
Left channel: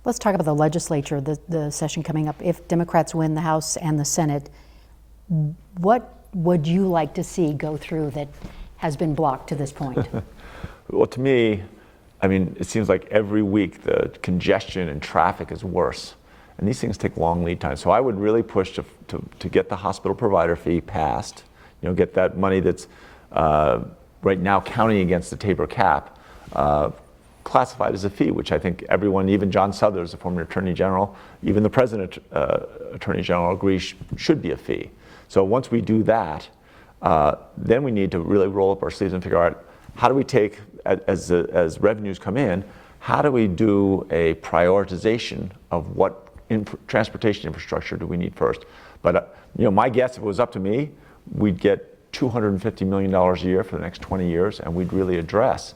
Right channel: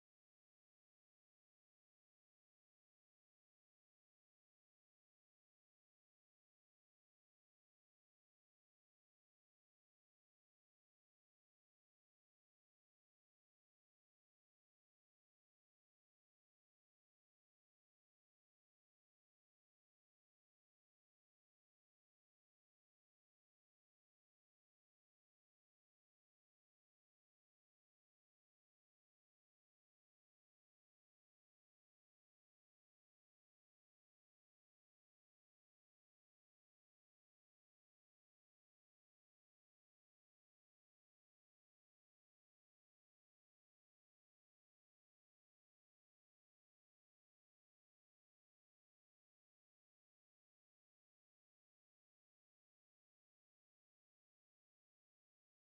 Let's talk about the legislature, the session coming up. If Democrats win the House and the Senate, what would you like to see go through that has been blocked to this point? Well, to me, it seems like every week the congestion and traffic is worse, and these things take long lead time. So I would really push to get the hospital provider fee passed, get that money that's right now counting against the Tabor cap, classified as a fee, which I think everyone, even John Suthers, the former Attorney General, even the President Attorney General agrees should be a fee. So once we do that, then we need to really roll up our sleeves and figure out how do we take, as revenues come in, how do we do a prioritization of what transportation infrastructure do we need first? But my guess, if it was up to me, we'd get $250 million a year for the next 20 years, and we'd really address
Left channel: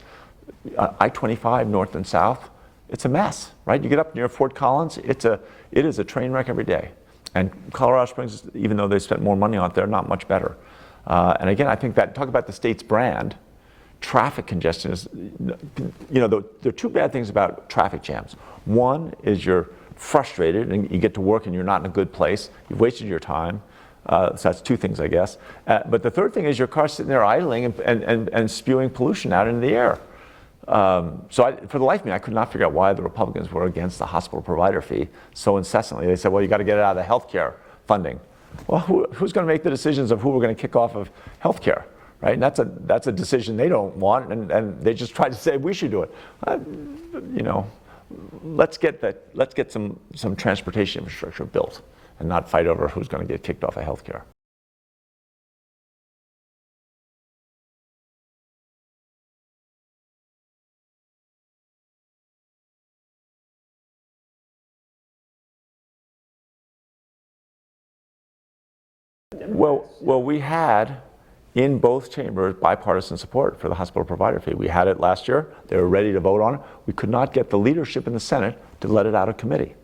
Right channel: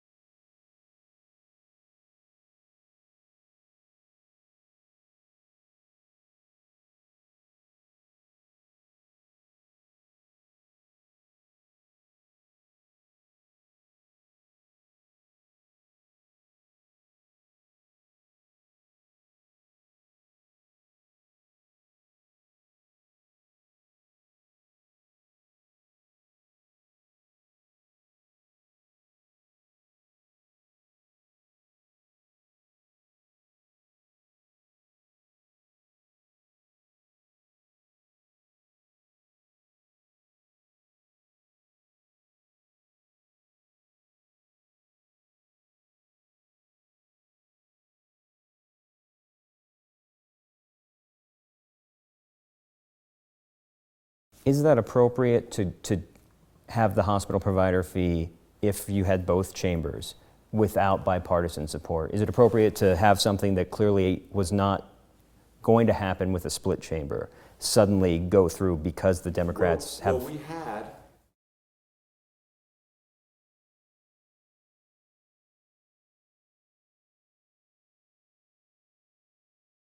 I-25 north and south. It's a mess, right? You get up near Fort Collins, it is a train wreck every day. And Colorado Springs, even though they spent more money on it, they're not much better. And again, I think that, talk about the state's brand, traffic congestion is, there are 2 bad things about traffic jams. One is you're frustrated and you get to work and you're not in a good place. You've wasted your time. So that's 2 things, I guess. But the third thing is your car's sitting there idling and spewing pollution out into the air. For the life of me, I could not figure out why the Republicans were against the hospital provider fee so incessantly. They said, well, you got to get it out of the health care funding. Well, who's going to make the decisions of who we're going to kick off of health care, right? And that's a decision they don't want, and they just try to say we should do it. You know, let's get some transportation infrastructure built and not fight over who's going to get kicked off of health care. Is that appropriate to have the hospital provider fee if you had both chambers without bipartisan support? Is it appropriate to have something that clearly was not going to happen with a split chamber suddenly go through because the Democrats have... Well, we had in both chambers bipartisan support for the hospital provider fee. We had it last year. They were ready to vote on it. We could not get the leadership in the Senate to let it out of committee.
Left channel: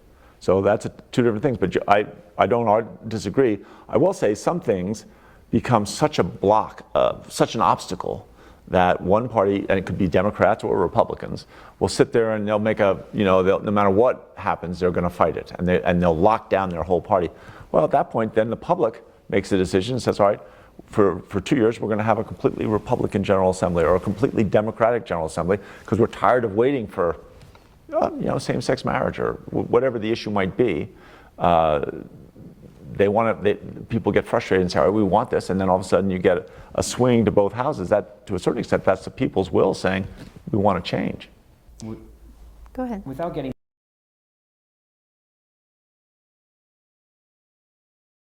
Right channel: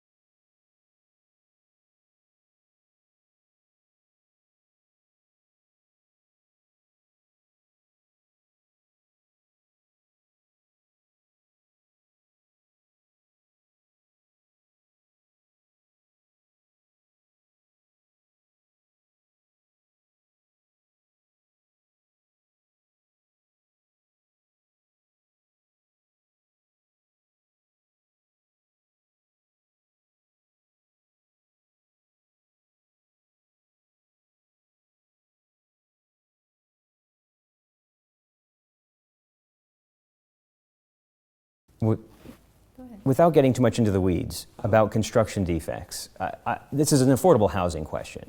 So that's two different things, but I don't disagree. I will say some things become such a block, such an obstacle that one party, and it could be Democrats or Republicans, will sit there and they'll make no matter what happens, they're going to fight it, and they'll lock down their whole party. Well, at that point, then the public makes a decision and says, all right, for 2 years, we're going to have a completely Republican General Assembly or a completely Democratic General Assembly because we're tired of waiting for same-sex marriage or whatever the issue might be. People get frustrated and say, all right, we want this, and then all of a sudden you get a swing to both houses. That, to a certain extent, that's the people's will saying, we want to change. Go ahead. Without getting too much into the weeds about construction defects, this is an affordable housing question.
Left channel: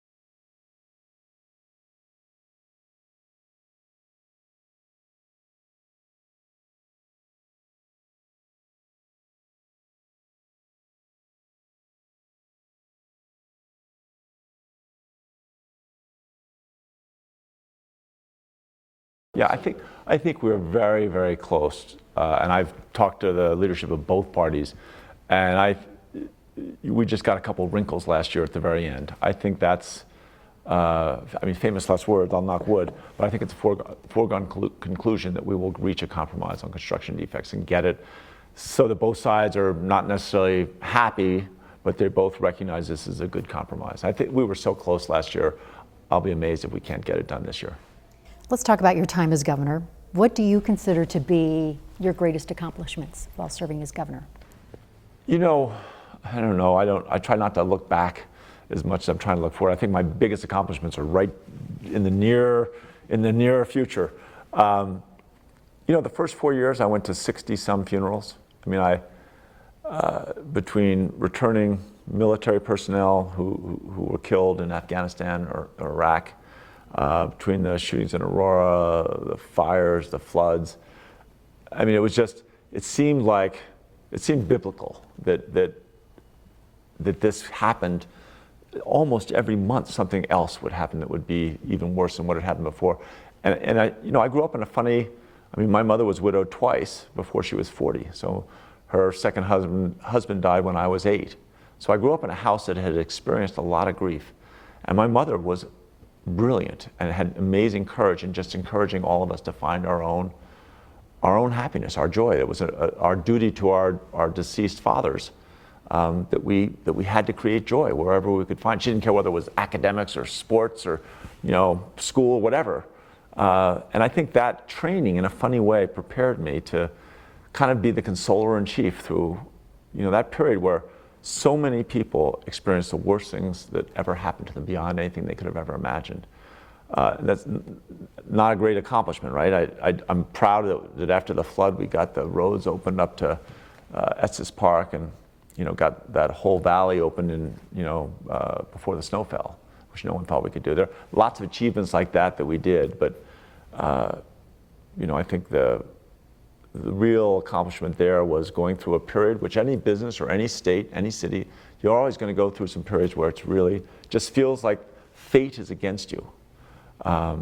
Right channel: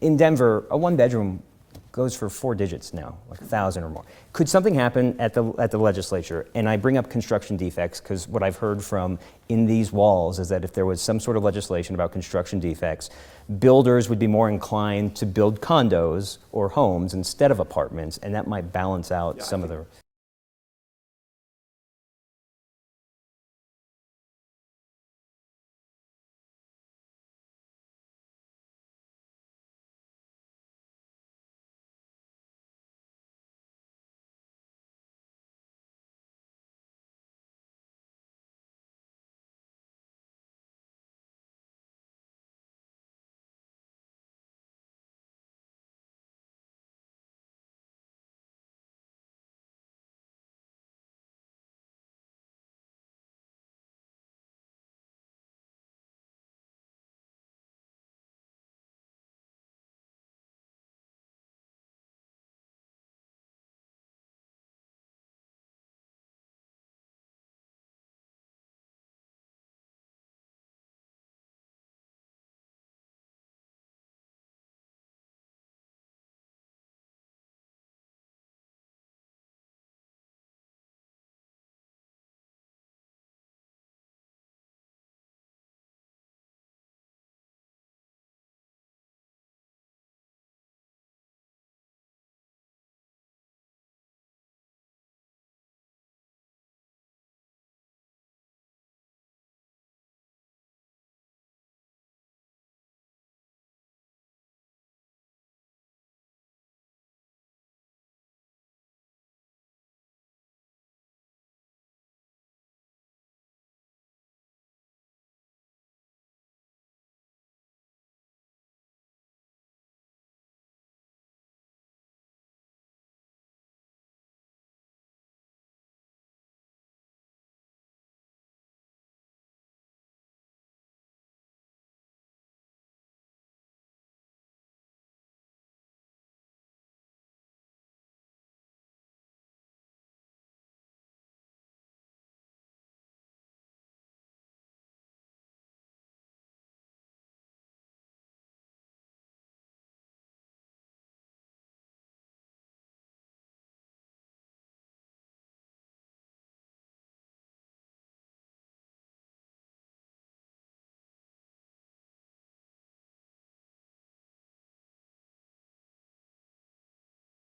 In Denver, a one-bedroom goes for 4 digits now, like 1,000 or more. Could something happen at the legislature? And I bring up construction defects because what I've heard from in these walls is that if there was some sort of legislation about construction defects, builders would be more inclined to build condos or homes instead of apartments, and that might balance out some of the... I think we're very, very close. And I've talked to the leadership of both parties, and we just got a couple wrinkles last year at the very end. I think that's, famous last words, I'll knock wood, but I think it's a foregone conclusion that we will reach a compromise on construction defects and get it so that both sides are not necessarily happy, but they both recognize this is a good compromise. I think we were so close last year. I'll be amazed if we can't get it done this year. Let's talk about your time as governor. What do you consider to be your greatest accomplishments while serving as governor? I don't know. I try not to look back as much as I'm trying to look forward. I think my biggest accomplishments are right in the near future. The first 4 years I went to 60-some funerals. Between returning military personnel who were killed in Afghanistan or Iraq, between the shootings in Aurora, the fires, the floods. It seemed biblical that this happened. Almost every month something else would happen that would be even worse than what had happened before. And I grew up in a funny, my mother was widowed twice before she was 40. So her second husband died when I was 8. So I grew up in a house that had experienced a lot of grief. And my mother was brilliant and had amazing courage in just encouraging all of us to find our own happiness, our joy. It was our duty to our deceased fathers that we had to create joy wherever we could find. She didn't care whether it was academics or sports or school, whatever. And I think that training in a funny way prepared me to kind of be the consoler in chief through that period where so many people experienced the worst things that ever happened to them beyond anything they could have ever imagined. That's not a great accomplishment, right? I'm proud that after the flood we got the roads opened up to Estes Park and got that whole valley opened before the snow fell, which no one thought we could do. There are lots of achievements like that we did, but I think the real accomplishment there was going through a period which any business or any state, any city, you're always going to go through some periods where it's really just feels like fate is against you. I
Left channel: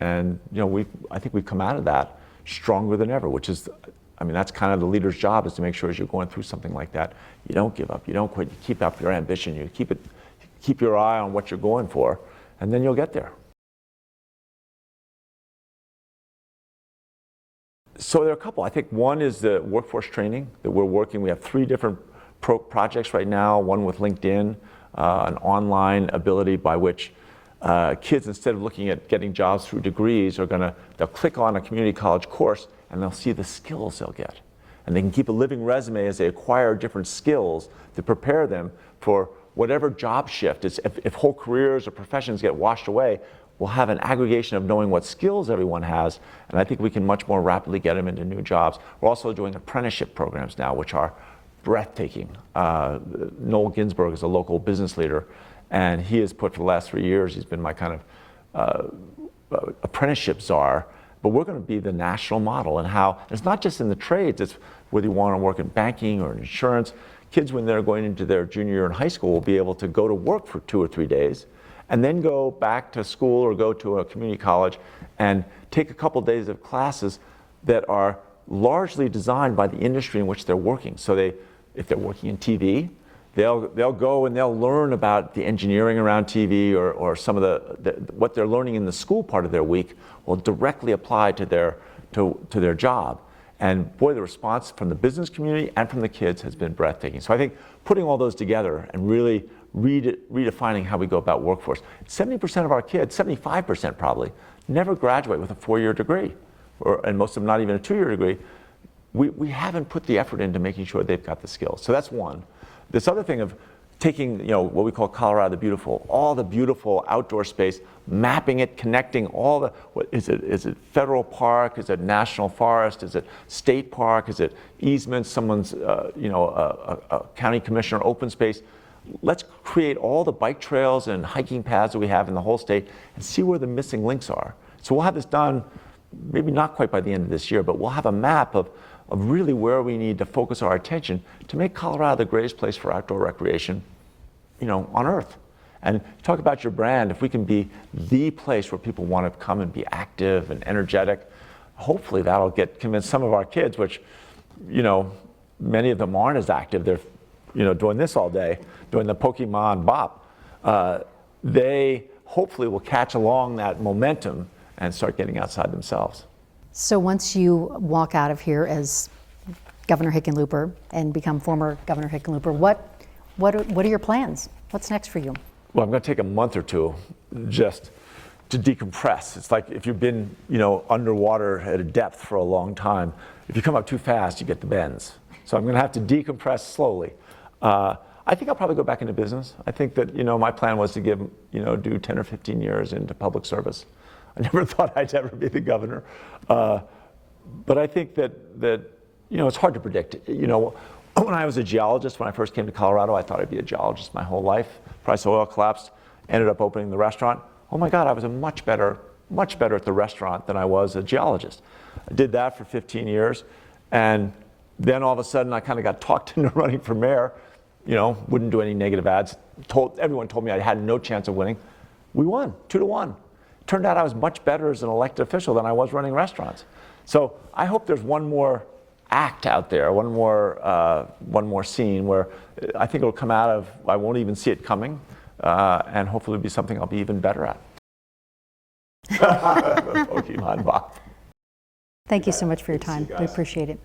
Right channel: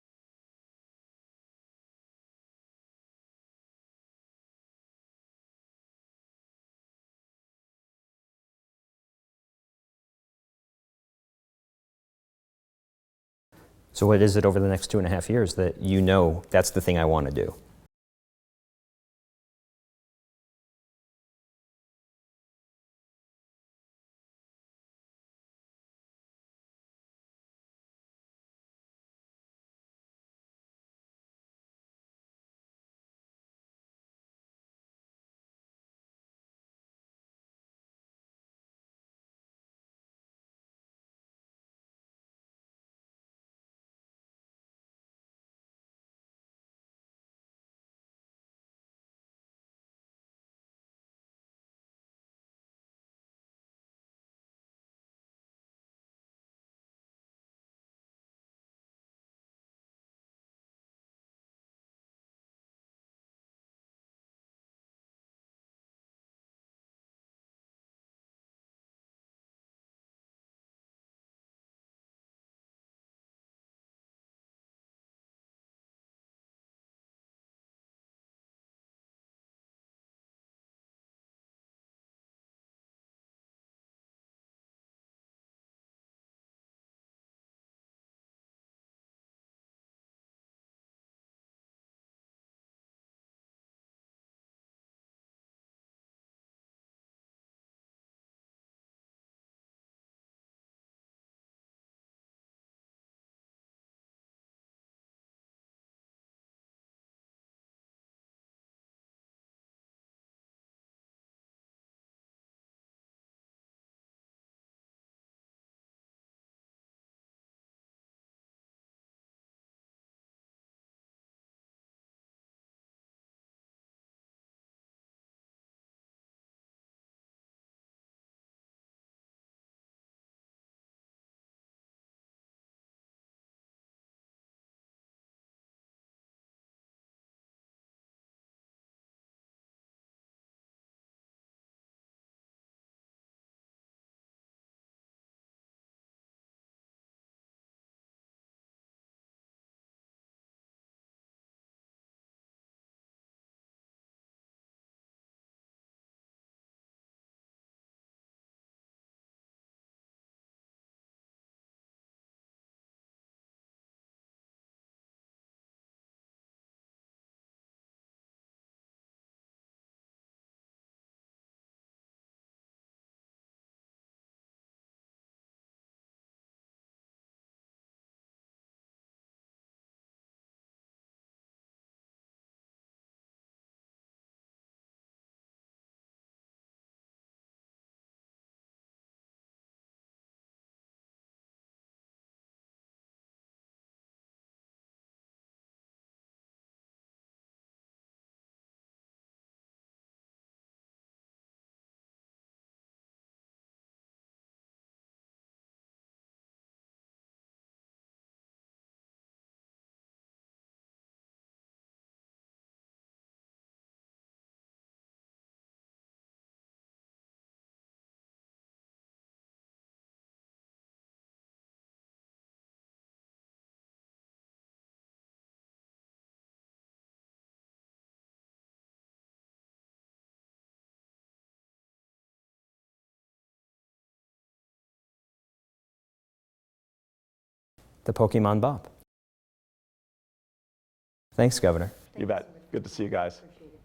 think we've come out of that stronger than ever, which is, that's kind of the leader's job, is to make sure as you're going through something like that, you don't give up, you don't quit, you keep up your ambition, you keep your eye on what you're going for, and then you'll get there. So what is it over the next 2.5 years that that's the thing I want to do? So there are a couple. I think one is the workforce training that we're working. We have 3 different projects right now, one with LinkedIn, an online ability by which kids, instead of looking at getting jobs through degrees, they'll click on a community college course and they'll see the skills they'll get. And they can keep a living resume as they acquire different skills to prepare them for whatever job shift. If whole careers or professions get washed away, we'll have an aggregation of knowing what skills everyone has, and I think we can much more rapidly get them into new jobs. We're also doing apprenticeship programs now, which are breathtaking. Noel Ginsberg is a local business leader, and he has put for the last 3 years, he's been my kind of apprenticeship czar, but we're going to be the national model. And how it's not just in the trades, it's whether you want to work in banking or in insurance. Kids, when they're going into their junior year in high school, will be able to go to work for 2 or 3 days and then go back to school or go to a community college and take a couple days of classes that are largely designed by the industry in which they're working. So if they're working in TV, they'll go and they'll learn about the engineering around TV or some of what they're learning in the school part of their week will directly apply to their job. And boy, the response from the business community and from the kids has been breathtaking. So I think putting all those together and really redefining how we go about workforce. 70% of our kids, 75% probably, never graduate with a 4-year degree, and most of them not even a 2-year degree. We haven't put the effort into making sure they've got the skills. So that's one. This other thing of taking, what we call Colorado the Beautiful, all the beautiful outdoor space, mapping it, connecting all the, is it federal park, is it national forest, is it state park, is it easements, someone's, a county commissioner open space. Let's create all the bike trails and hiking paths that we have in the whole state and see where the missing links are. So we'll have this done, maybe not quite by the end of this year, but we'll have a map of really where we need to focus our attention to make Colorado the greatest place for outdoor recreation, on earth. And talk about your brand. If we can be the place where people want to come and be active and energetic, hopefully that'll convince some of our kids, which, many of them aren't as active. They're, doing this all day, doing the Pokemon bop. They hopefully will catch along that momentum and start getting outside themselves. So once you walk out of here as Governor Hickenlooper and become former Governor Hickenlooper, what are your plans? What's next for you? Well, I'm going to take a month or two just to decompress. It's like if you've been, underwater at a depth for a long time, if you come up too fast, you get the bends. So I'm going to have to decompress slowly. I think I'll probably go back into business. I think that, my plan was to do 10 or 15 years into public service. I never thought I'd ever be the governor. But I think that it's hard to predict. When I was a geologist, when I first came to Colorado, I thought I'd be a geologist my whole life. Price of oil collapsed, ended up opening the restaurant. Oh my God, I was much better at the restaurant than I was a geologist. I did that for 15 years. And then all of a sudden I kind of got talked into running for mayor, wouldn't do any negative ads. Everyone told me I had no chance of winning. We won, 2-1. Turned out I was much better as an elected official than I was running restaurants. So I hope there's one more act out there, one more scene where I think it'll come out of, I won't even see it coming, and hopefully it'll be something I'll be even better at. The Pokemon bop. The Pokemon bop. Thanks, Governor. Thank you so much for your Good to see time. you We guys. appreciate it.